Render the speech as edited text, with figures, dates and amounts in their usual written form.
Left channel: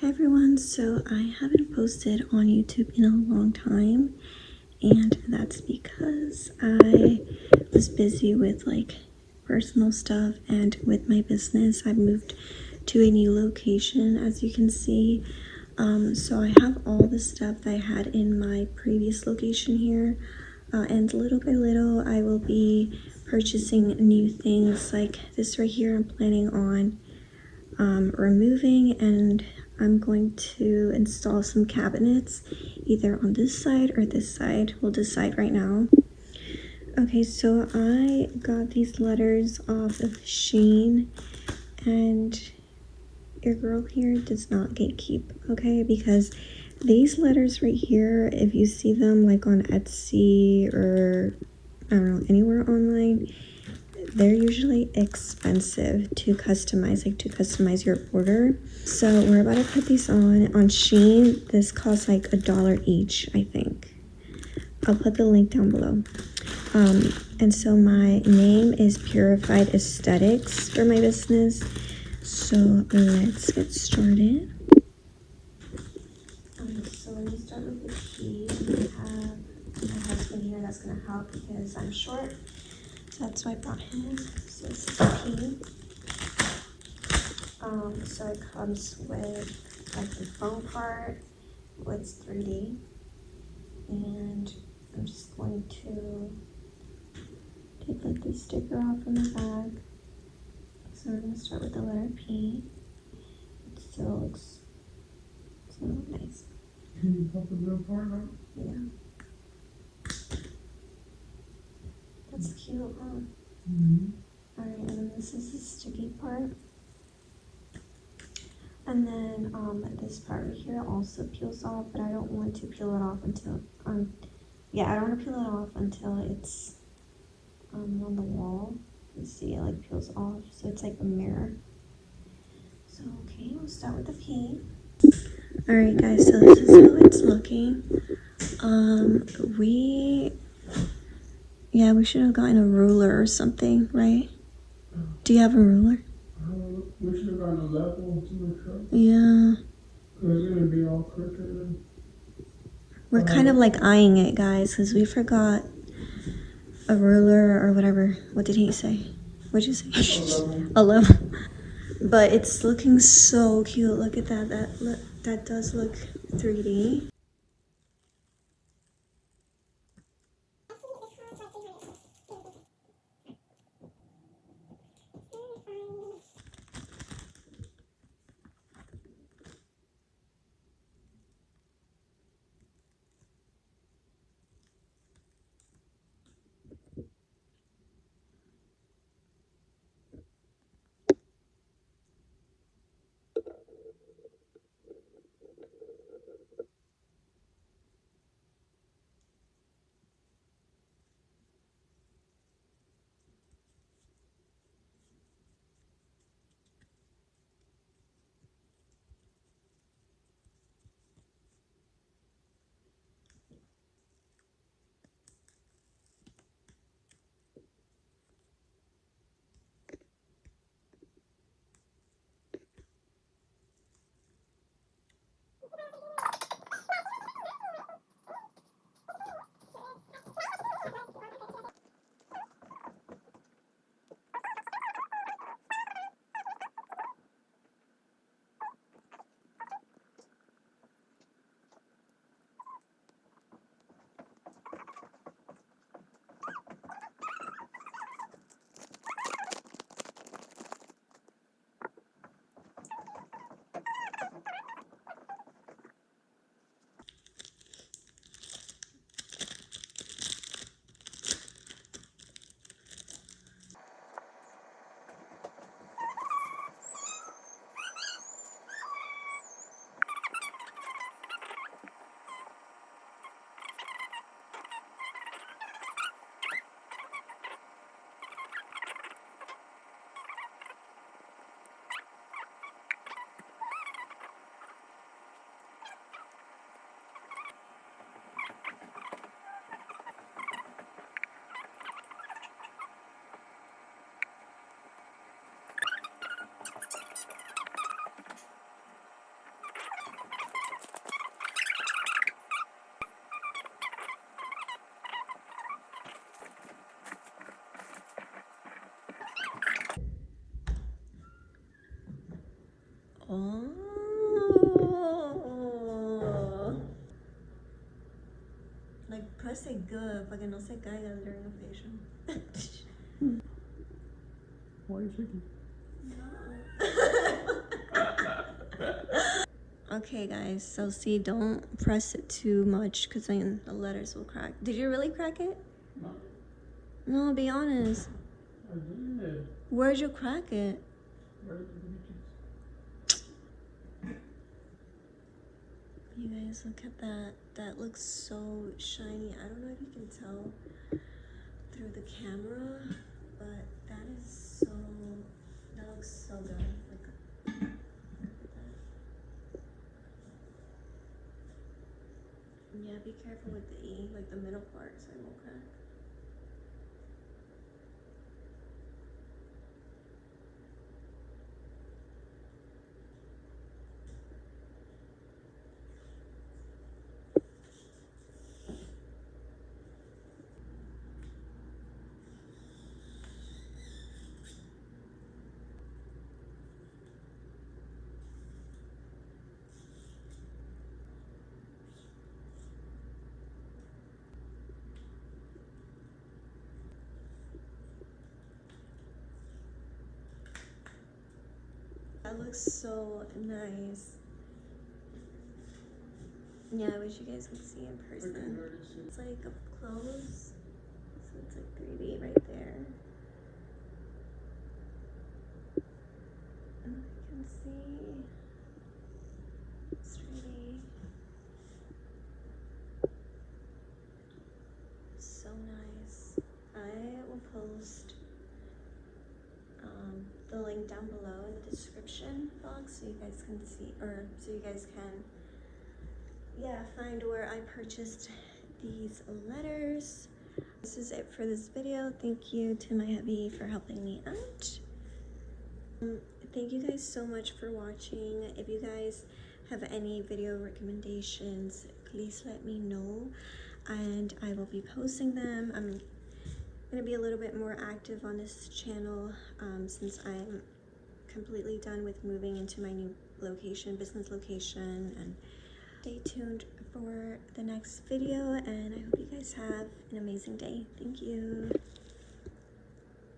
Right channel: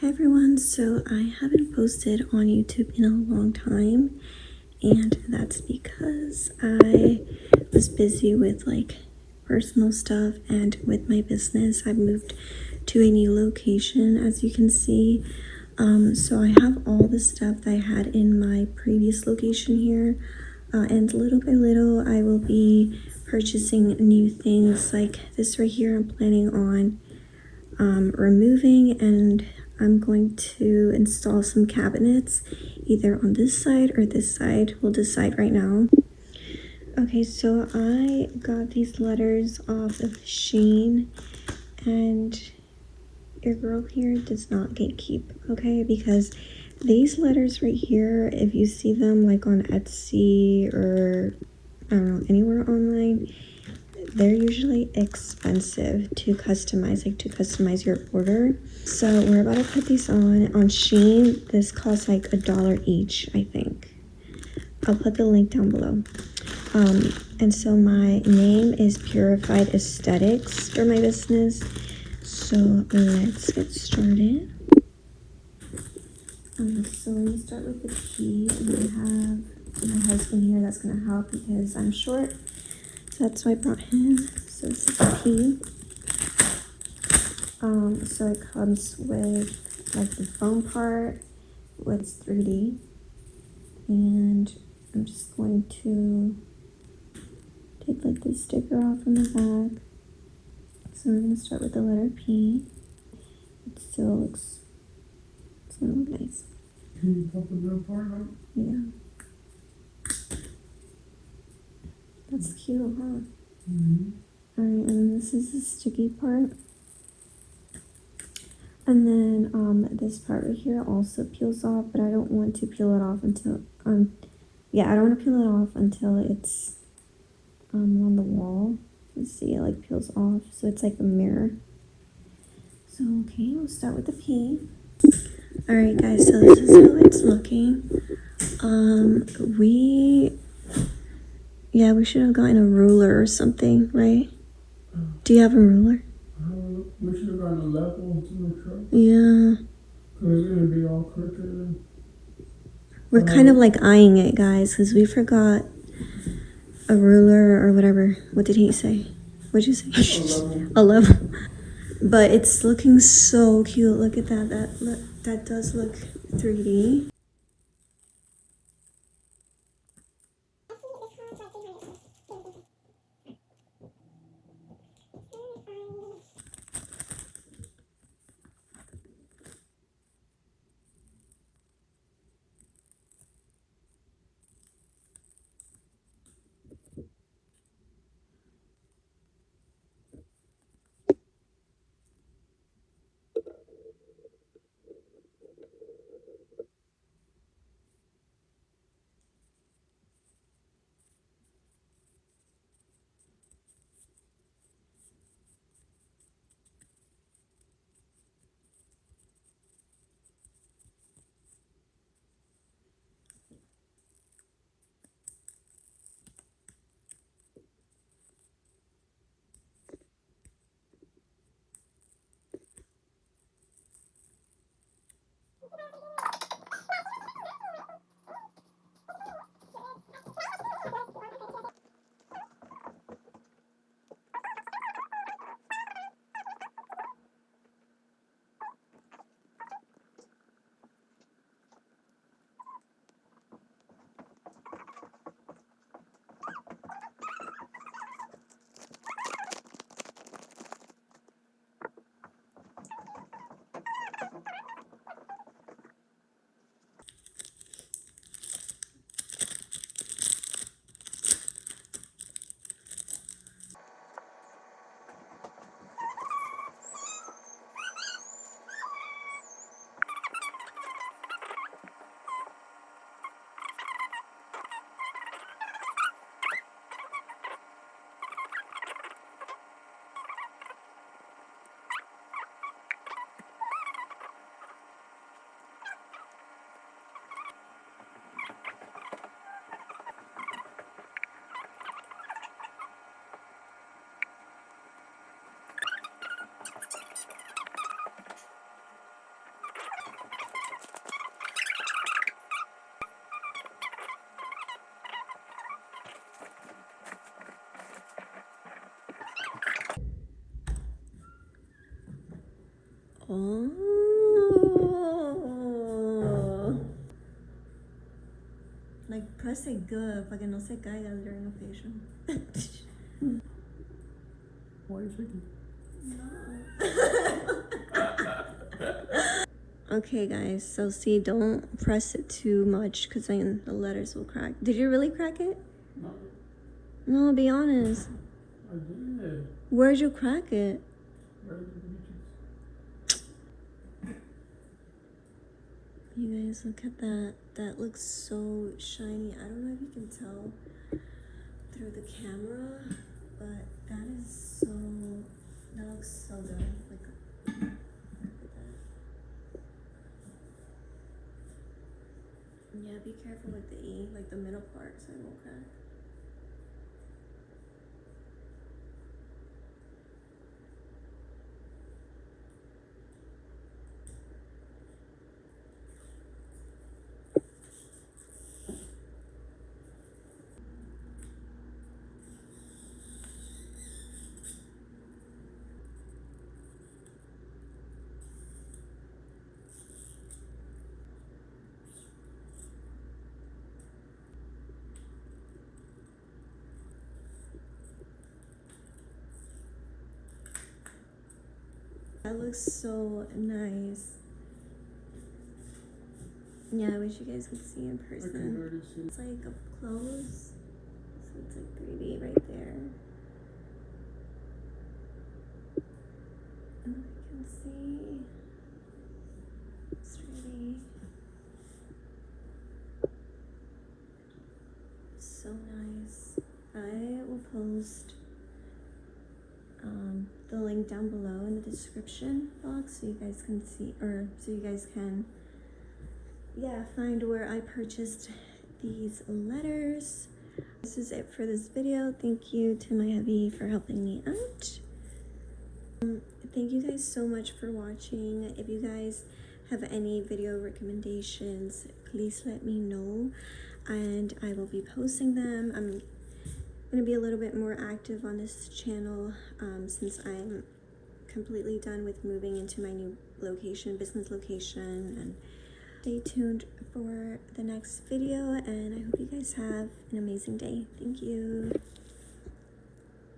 Hi everyone, so I haven't posted on YouTube in a long time, and that's because I was busy with personal stuff and with my business. I moved to a new location, as you can see. So I have all the stuff that I had in my previous location here, and little by little I will be purchasing new things like this right here. I'm planning on removing, and I'm going to install some cabinets either on this side or this side. We'll decide right now. Okay, so I got these letters off of Shein, and your girl here does not gatekeep, okay? Because these letters right here, if you see them like on Etsy or I don't know, anywhere online, they're usually expensive to customize your order. So we're about to put these on Shein. This costs like $1 each, I think. I'll put the link down below. And so my name is Purified Aesthetics for my business. So let's get started. So let me start with the key. I have my husband here that's gonna help because I'm short. So that's why I brought him. So this is the key. So it comes with like the foam part, it's 3D, and I'm just going to take like this sticker off from the back. So I'm gonna start with the letter P. It still looks nice. Yeah. That's cute, huh? Alright, and then this is the sticky part. And then this part right here also peels off, but I don't want to peel it off until I don't want to peel it off until it's on the wall. You see it like peels off, so it's like a mirror. So okay, we'll start with the P. Alright guys, so this is how it's looking. We should have gotten a ruler or something, right? Do you have a ruler? We should have gotten a level to the cup. Yeah. Because it would be all crooked. We're kind of like eyeing it, guys, because we forgot a ruler or whatever. What did he say? What'd you say? A level. But it's looking so cute. Look at that. That does look 3D. Oh. Like, press it good para que no se caiga during the facial. Why are you shaking? Okay, guys, so see, don't press it too much because then the letters will crack. Did you really crack it? No, No, be honest. I did. Where'd you crack it? Right in the beaches. You guys, look at that. That looks so shiny. I don't know if you can tell through the camera, but that looks so good. Like, look at that. Yeah, be careful with the E, like the middle part, so it won't crack. That looks so nice. Yeah, I wish you guys could see in person. It's like up close, so it's like 3D right there. Oh, I can see. It's really so nice. I will post the link down below in the description box so you guys can see, or so you guys can, yeah, find where I purchased these letters. This is it for this video. Thank you to my hubby for helping me out. Thank you guys so much for watching. If you guys have any video recommendations, please let me know and I will be posting them. I'm gonna be a little bit more active on this channel since I'm completely done with moving into my new location, business location, and stay tuned for the next video, and I hope you guys have an amazing day. Thank you.